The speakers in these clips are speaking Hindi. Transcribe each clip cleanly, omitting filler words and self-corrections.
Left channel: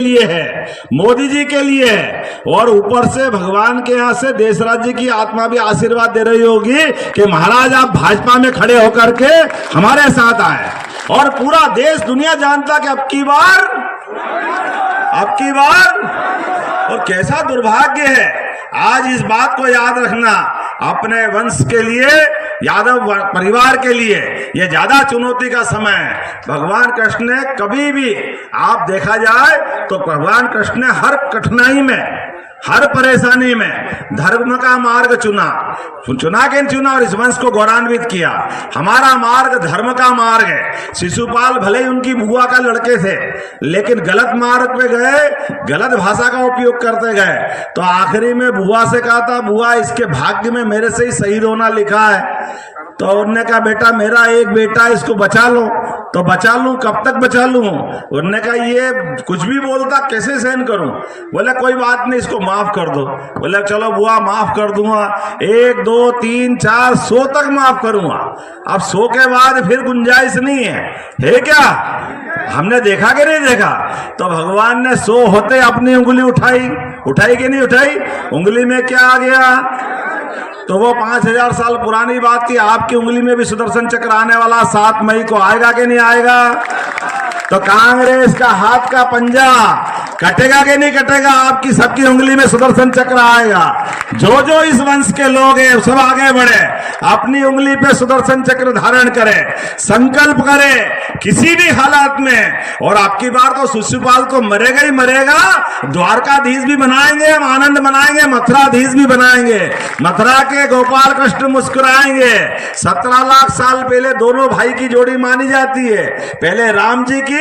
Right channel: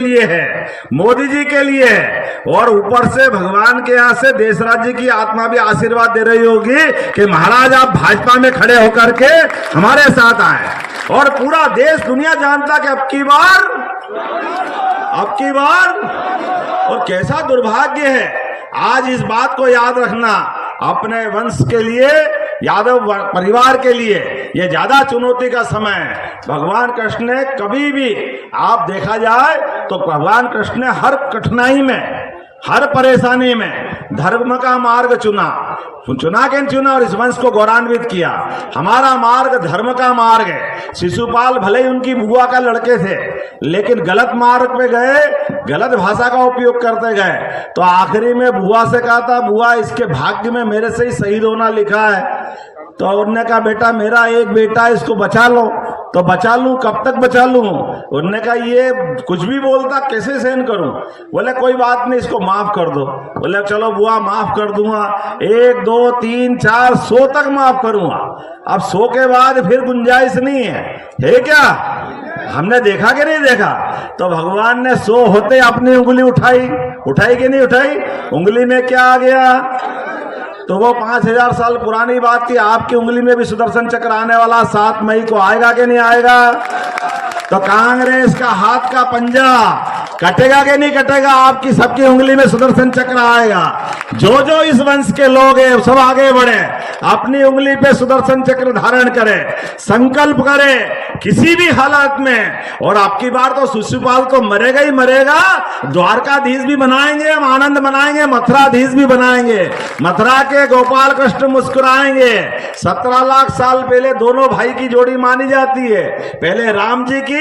लिए है, मोदी जी के लिए है, और ऊपर से भगवान के यहाँ से देश राज्य की आत्मा भी आशीर्वाद दे रही होगी कि महाराज आप भाजपा में खड़े होकर के हमारे साथ आए। और पूरा देश दुनिया जानता कि अब की बार और कैसा दुर्भाग्य है। आज इस बात को याद रखना, अपने वंश के लिए, यादव परिवार के लिए यह ज्यादा चुनौती का समय है। भगवान कृष्ण ने कभी भी, आप देखा जाए तो भगवान कृष्ण ने हर कठिनाई में, हर परेशानी में धर्म का मार्ग चुना और इस वंश को गौरवान्वित किया। हमारा मार्ग धर्म का मार्ग है। शिशुपाल भले ही उनकी बुआ का लड़के थे, लेकिन गलत मार्ग पे गए, गलत भाषा का उपयोग करते गए, तो आखिरी में बुआ से कहा था, बुआ इसके भाग्य में मेरे से ही शहीद होना लिखा है। तो उन्होंने कहा बेटा मेरा एक बेटा, इसको बचा लो। तो बचा लूं, कब तक बचा लूं? उन्होंने कहा ये कुछ भी बोलता, कैसे सहन करूं? बोले कोई बात नहीं, इसको माफ कर दो। बोले चलो बुआ माफ कर दूंगा, 1 2 3 4 100 तक माफ करूंगा। अब 100 के बाद फिर गुंजाइश नहीं है क्या? हमने देखा कि नहीं देखा? तो भगवान ने 100 होते अपनी उंगली उठाई कि नहीं उठाई? उंगली में क्या आ गया? तो वो 5000 साल पुरानी बात थी। आपकी उंगली में भी सुदर्शन चक्र आने वाला 7 मई को आएगा कि नहीं आएगा? तो कांग्रेस का हाथ का पंजा कटेगा कि नहीं कटेगा? आपकी सबकी उंगली में सुदर्शन चक्र आएगा। जो इस वंश के लोग हैं सब आगे बढ़े, अपनी उंगली पे सुदर्शन चक्र धारण करे, संकल्प करे किसी भी हालात में। और आपकी बार तो शिशुपाल तो मरेगा ही मरेगा। द्वारकाधीश भी बनाएंगे हम, आनंद बनाएंगे, मथुराधीश भी बनाएंगे। मथुरा के गोपाल कृष्ण मुस्कुराएंगे। 17 लाख साल पहले दोनों भाई की जोड़ी मानी जाती है, पहले राम जी की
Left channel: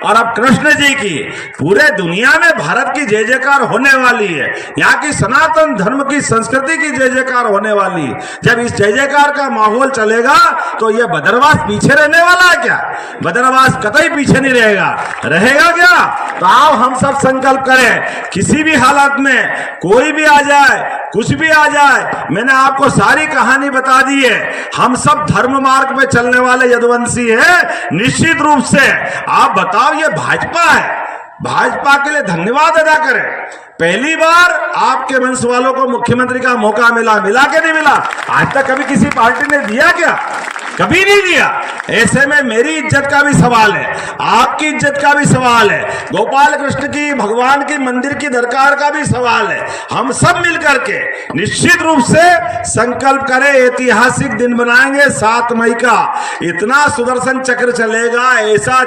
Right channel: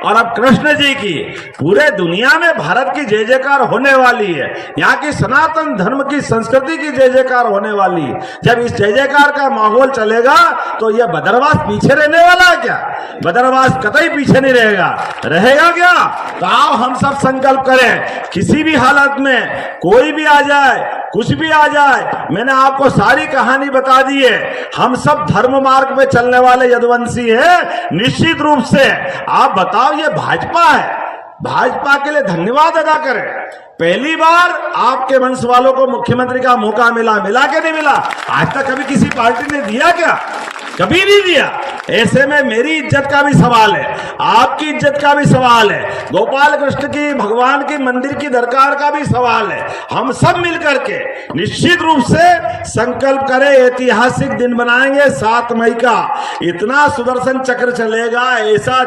और अब कृष्ण जी की। पूरे दुनिया में भारत की जय जयकार होने वाली है, यहाँ की सनातन धर्म की संस्कृति की जय जयकार होने वाली है। जब इस जय जयकार का माहौल चलेगा तो यह बदरवास पीछे रहने वाला है क्या? बदरवास कतई पीछे नहीं रहेगा क्या? तो आओ हम सब संकल्प करें, किसी भी हालत में कोई भी आ जाए, कुछ भी आ जाए, मैंने आपको सारी कहानी बता दी है। हम सब धर्म मार्ग पे चलने वाले यदुवंशी है। निश्चित रूप से आप बताओ, ये भाजपा है, भाजपा के लिए धन्यवाद अदा करें। पहली बार आपके वंश वालों को मुख्यमंत्री का मौका मिला कि नहीं मिला? आज तक कभी किसी पार्टी ने दिया क्या? कभी नहीं दिया। ऐसे में मेरी इज्जत का भी सवाल है, आपकी इज्जत का भी सवाल है, गोपाल कृष्ण की, भगवान की मंदिर की दरकार का भी सवाल है। हम सब मिलकर के निश्चित रूप से संकल्प करें, ऐतिहासिक दिन बनाएंगे 7 मई का। इतना सुदर्शन चक्र चलेगा, ऐसा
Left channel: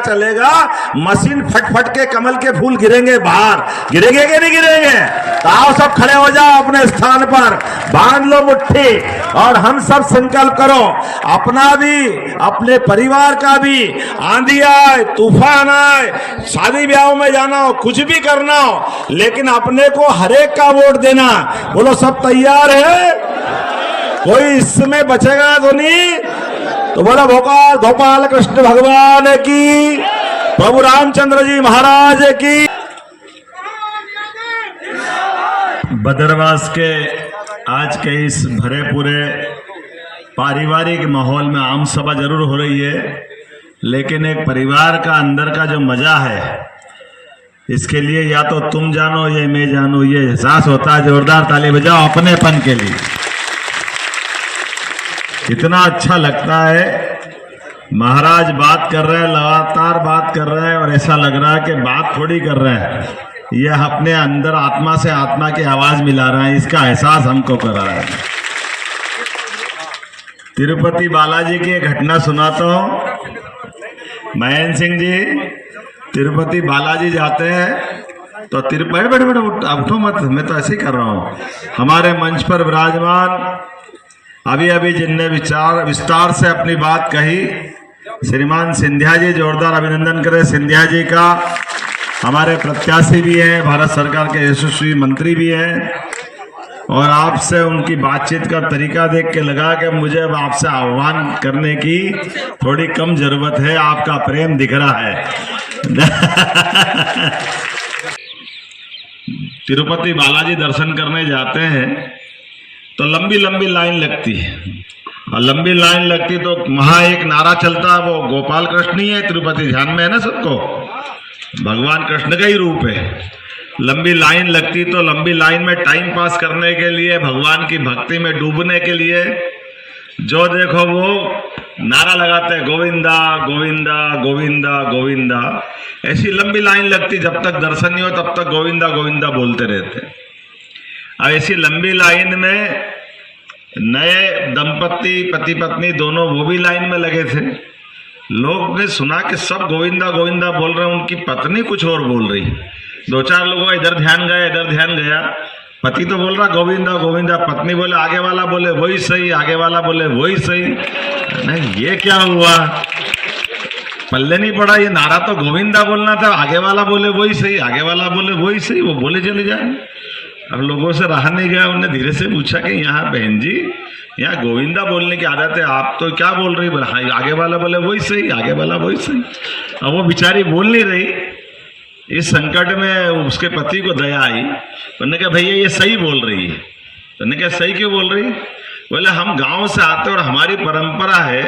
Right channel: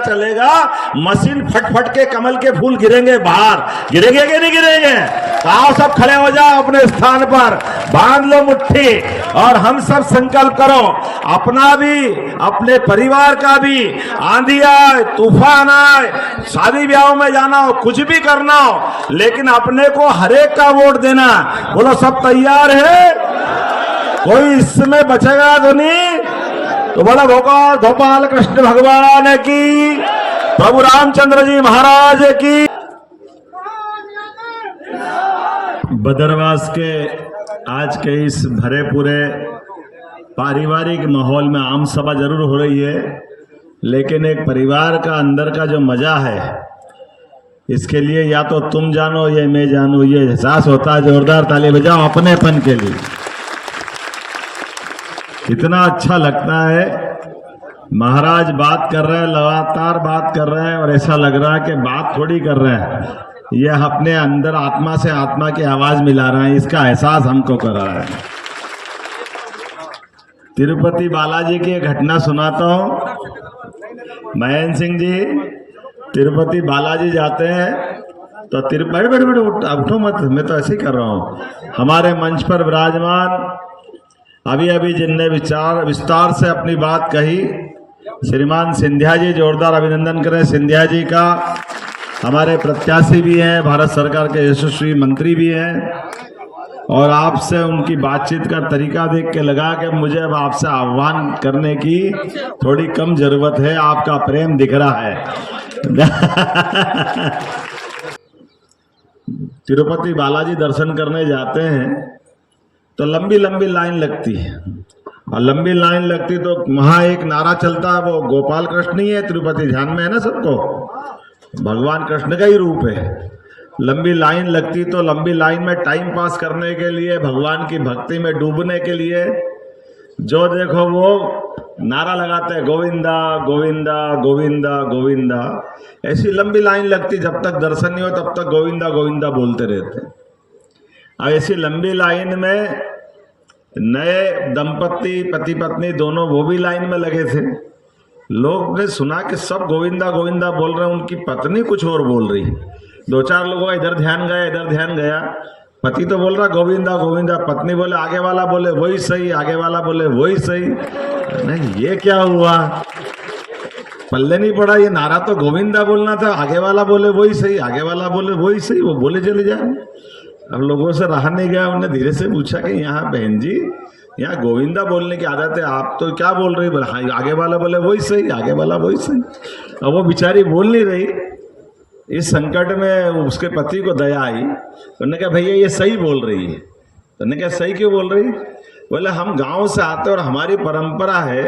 चलेगा, मशीन फट के कमल के फूल गिरेंगे बाहर। गिरेंगे कि नहीं गिरेंगे? तो आओ सब खड़े हो जाओ अपने स्थान पर, बांध लो मुट्ठी और हम सब संकल्प करो, अपना भी, अपने परिवार का भी। आंधी आए, तूफान आए, शादी ब्याह में जाना हो, कुछ भी करना हो, लेकिन अपने को हरेक का वोट देना। बोलो सब तैयार है? कोई इसमें बचेगा तो नहीं? तो बोला गोपाल कृष्ण भगवान की, प्रभु रामचंद्र जी महाराज की। बदरवास के आज के इस भरे पूरे पारिवारिक माहौल में आम सभा जरूर हो रही है, लेकिन एक परिवार का अंदर का जो मजा है, इसके लिए या तो तुम जानो या मैं जानू, ये एहसास होता है। जोरदार ताली बजाओ अपनेपन के लिए। इतना अच्छा लगता है। महाराज बात कर रहे हैं, लगातार बात कर रहे हैं, और ऐसा लग रहा है कि बात थोड़ी कर रहे हैं, यह अपने अंदर आत्मा से आत्मा की आवाज मिला रहे हैं। इसका एहसास हमको कर रहा है। तिरुपति बालाजी की एक घटना सुनाता हूँ। महेंद्र सिंह जी तिरुपति बालाजी जाते हैं तो बैठो उठो मत, मैं तो ऐसे ही कर रहा हूँ। हमारे मंच पर विराजमान अभी जिनने विस्तार से अपनी बात कही, श्रीमान सिंधिया जी, जोरदार अभिनंदन करें सिंधिया जी का। हमारे प्रत्याशी भी हैं, भारत सरकार के यशस्वी मंत्री भी हैं, और आपसे उनकी बातचीत का तरीका देख के लगा कि मुझे अब आपसे आह्वान करने की थोड़ी कम जरूरत है, आपका प्रेम दिख रहा है। तिरुपति बालाजी दर्शन करने जाते हैं तो लंबी लाइन लगती है, और लंबी लाइन लगती तो वहां एक नारा चलता है, वो गोपाल कृष्ण ही है तिरुपति, ध्यान में है ना सबको? भगवान कृष्ण का ही रूप है। लंबी लाइन लगती तो लंबी लाइन में टाइम पास करने के लिए, भगवान की भक्ति में डूबने के लिए जो देखो वो नारा लगाते हैं, गोविंदा गोविंदा गोविंदा गोविंदा। ऐसी लंबी लाइन लगती, जब तक दर्शन नहीं हो तब तक गोविंदा गोविंदा बोलते रहते। अब ऐसी लंबी लाइन में नए दंपति पति पत्नी दोनों वो भी लाइन में लगे थे। लोग ने सुना कि सब गोविंदा गोविंदा बोल रहे हैं, उनकी पत्नी कुछ और बोल रही। दो चार लोगों का इधर ध्यान गया इधर ध्यान गया, पति तो बोल रहा गोविंदा गोविंदा, पत्नी बोले आगे वाला बोले वही सही, आगे वाला बोले वही सही। नहीं, ये क्या हुआ, पल्ले नहीं पड़ा। ये नारा तो गोविंदा बोलना था, आगे वाला बोले वही सही, आगे वाला बोले वही सही, वो बोले चले जाए। अब लोगों से रहा नहीं गया, उन्होंने धीरे से पूछा कि यहाँ बहन जी यहाँ गोविंदा बोलने की आदत है, आप तो क्या बोल रही? बोले हाँ, आगे वाला बोले वही सही, आगे वाला वही सही। अब वो बेचारी बोल नहीं रही। इस संकट में उसके पति को दया आई। उन्होंने कहा भैया ये सही बोल रही है। उन्होंने कहा सही क्यों बोल रही? बोले हम गांव से आते और हमारी परंपरा है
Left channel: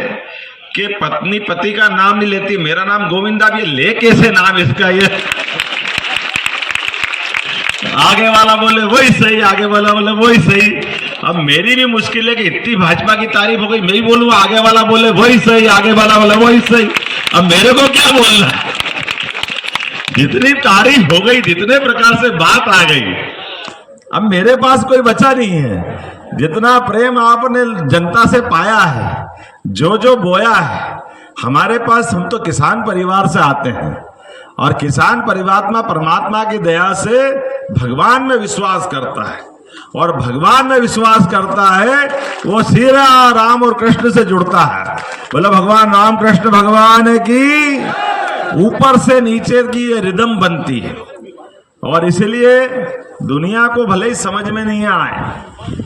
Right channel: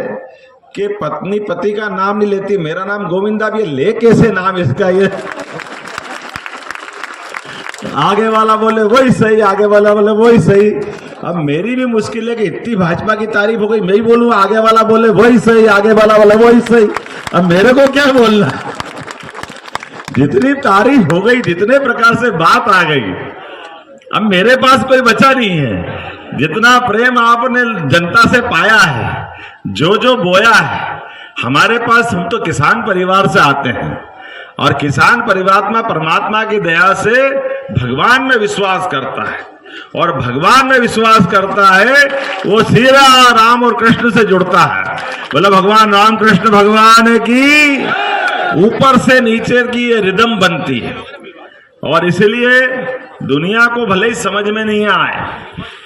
कि पत्नी पति का नाम नहीं लेती। मेरा नाम गोविंदा भी ले कैसे नाम इसका? ये आगे वाला बोले वही सही, आगे वाला बोले वही सही। अब मेरी भी मुश्किल है कि इतनी भाजपा की तारीफ हो गई, मैं ही बोलूंगा आगे वाला बोले वही सही, आगे वाला बोले वही सही। अब मेरे को क्या बोलना है? जितनी तारीफ हो गई, जितने प्रकार से बात आ गई, अब मेरे पास कोई बचा नहीं है। जितना प्रेम आपने जनता से पाया है, जो जो बोया है हमारे पास, हम तो किसान परिवार से आते हैं और किसान परिवार परमात्मा की दया से भगवान में विश्वास करता है और भगवान में विश्वास करता है वो सीधा राम और कृष्ण से जुड़ता है। बोला भगवान राम कृष्ण भगवान की ऊपर से नीचे की ये रिदम बनती है। और इसलिए दुनिया को भले ही समझ में नहीं आए,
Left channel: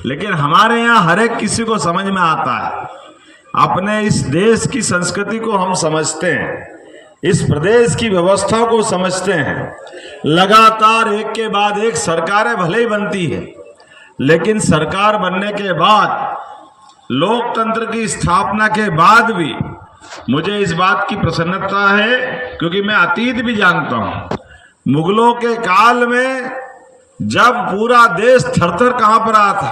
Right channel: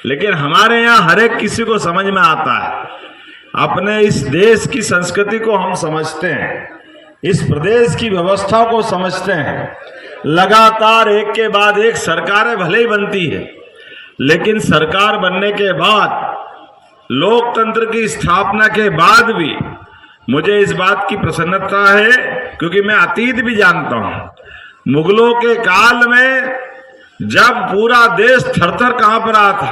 लेकिन हमारे यहाँ हर एक किसी को समझ में आता है। अपने इस देश की संस्कृति को हम समझते हैं, इस प्रदेश की व्यवस्था को समझते हैं। लगातार एक के बाद एक सरकारें भले ही बनती है, लेकिन सरकार बनने के बाद, लोकतंत्र की स्थापना के बाद भी मुझे इस बात की प्रसन्नता है, क्योंकि मैं अतीत भी जानता हूं। मुगलों के काल में जब पूरा देश थर-थर कांप रहा था,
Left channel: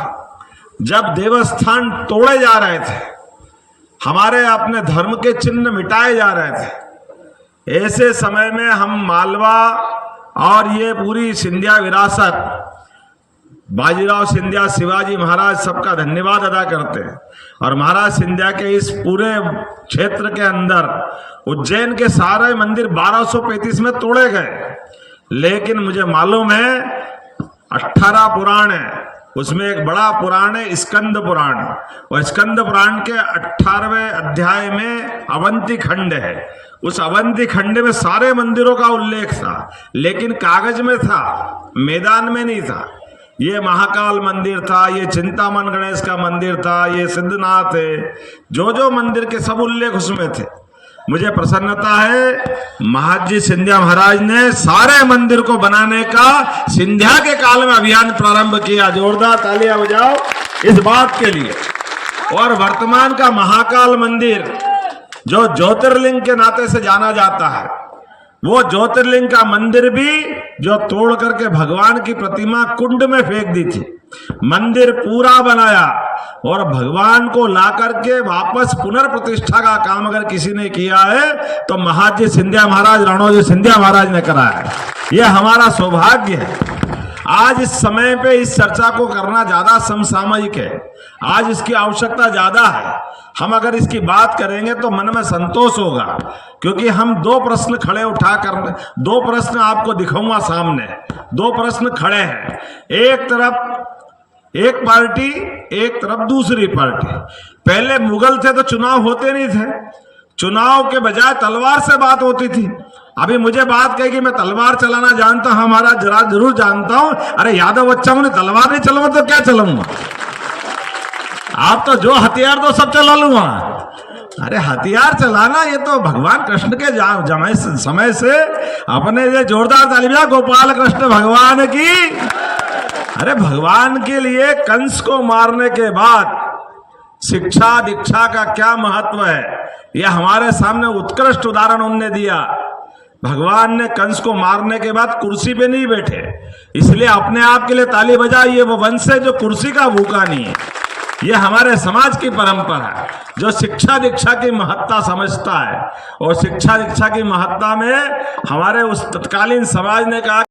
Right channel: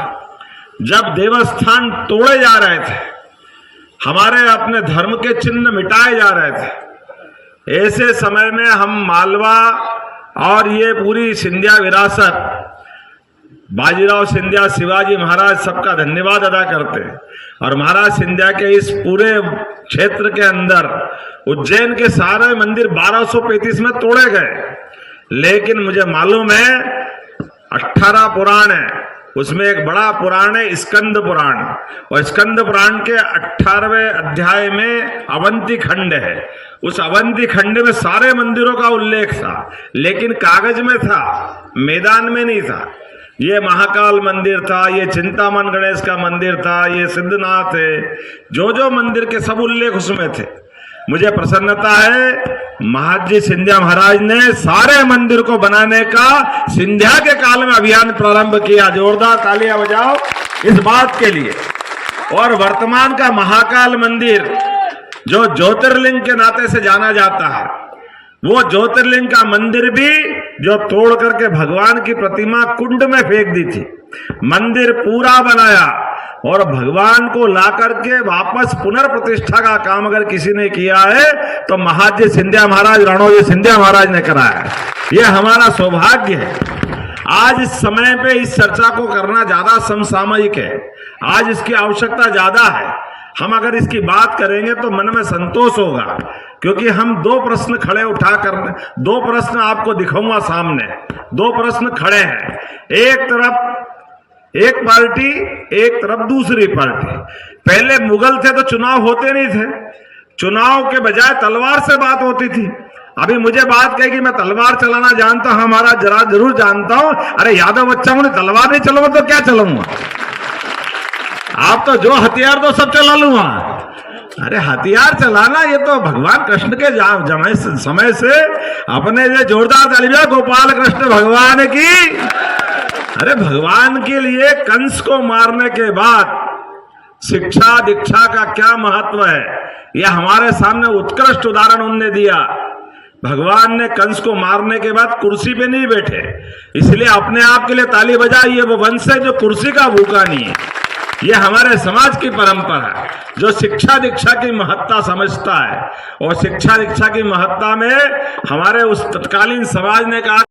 जब देवस्थान तोड़े जा रहे थे, हमारे अपने धर्म के चिन्ह मिटाए जा रहे थे, ऐसे समय में हम मालवा और ये पूरी सिंधिया विरासत, बाजीराव सिंधिया, शिवाजी महाराज, सबका धन्यवाद अदा करते हैं। और महाराज सिंधिया के इस पूरे क्षेत्र के अंदर उज्जैन के सारे मंदिर 1235 में तोड़े गए, लेकिन मुझे मालूम है 18 पुराण है, उसमें एक बड़ा पुराण है स्कंद पुराण, और स्कंद पुराण के 18वें अध्याय में अवंती खंड है। उस अवंती खंड में सारे मंदिरों का उल्लेख था, लेकिन कागज में था, मैदान में नहीं था। ये महाकाल मंदिर था, ये चिंतामन गणेश का मंदिर था, ये सिद्धनाथ है, जो जो मंदिर के सब उल्लेख उसमें थे। मुझे प्रसन्नता है महाजी सिंधिया महाराज ने सारे मंदिर को बनाने का सिंधिया के काल में अभियान प्रारंभ किया। जोरदार तालियां बजाओ इस बात के लिए। और वर्तमान का महाकाल मंदिर जो ज्योतिर्लिंग के नाते से जाना जाता है, वो ज्योतिर्लिंग का मंदिर भी जो तोड़ करके भगवान की प्रतिमा कुंड में फेंक दी थी, मंदिर पूरा बनाया और भगवान को ला करके वापस पुनर्प्रतिष्ठा का काम अगर किसी ने किया है तो महाजी सिंधिया महाराज, रणोजी सिंधिया महाराज ने कराया है। यह हमारा सौभाग्य है। आज इस समय पे इस चर्चा को करना ज्यादा समसामयिक है, आज इसकी आवश्यकता ज्यादा है। हम अगर इसकी बात करेंगे तो मन में संतोष होगा, क्योंकि हम दो प्रश्न खड़े उठा कर, दो प्रश्न आपको दिखाऊंगा सामने। दो प्रश्न खड़े हैं, एक तरफ एक पार्टी, एक तरफ दूसरी पार्टी। पहले मुगल थे तो चुनाव होते नहीं थे, चुनाव के बजाय तलवार से बात होती थी। अभी मुझे बात कही कि मैं तलवार चलाना जानता हूं, हमारा जरा जरूर जानता हूं। अरे यादव बच्चा ने तलवार नहीं चलाऊंगा तो क्या चलाऊंगा? आप तो जो हथियार दो सब चला लूंगा। अरे हथियार चलाना ये तो भगवान कृष्ण के समय से अपने लिए जोरदार तालियां गोपाल कृष्ण भगवान की। अरे भगवान के लिए कंस को मारने के बाद शिक्षा दीक्षा का क्या महत्व है, यह हमारे सामने उत्कृष्ट उदाहरण उन्होंने दिया। भगवान ने कंस को मारने के बाद कुर्सी पे नहीं बैठे, इसलिए अपने आप के लिए ताली बजाइए। वो वंश है जो कुर्सी का भूखा नहीं है। ये हमारे समाज की परंपरा है, जो शिक्षा दीक्षा की महत्ता समझता है। और शिक्षा दीक्षा की महत्ता में हमारे उस तत्कालीन समाज ने कहा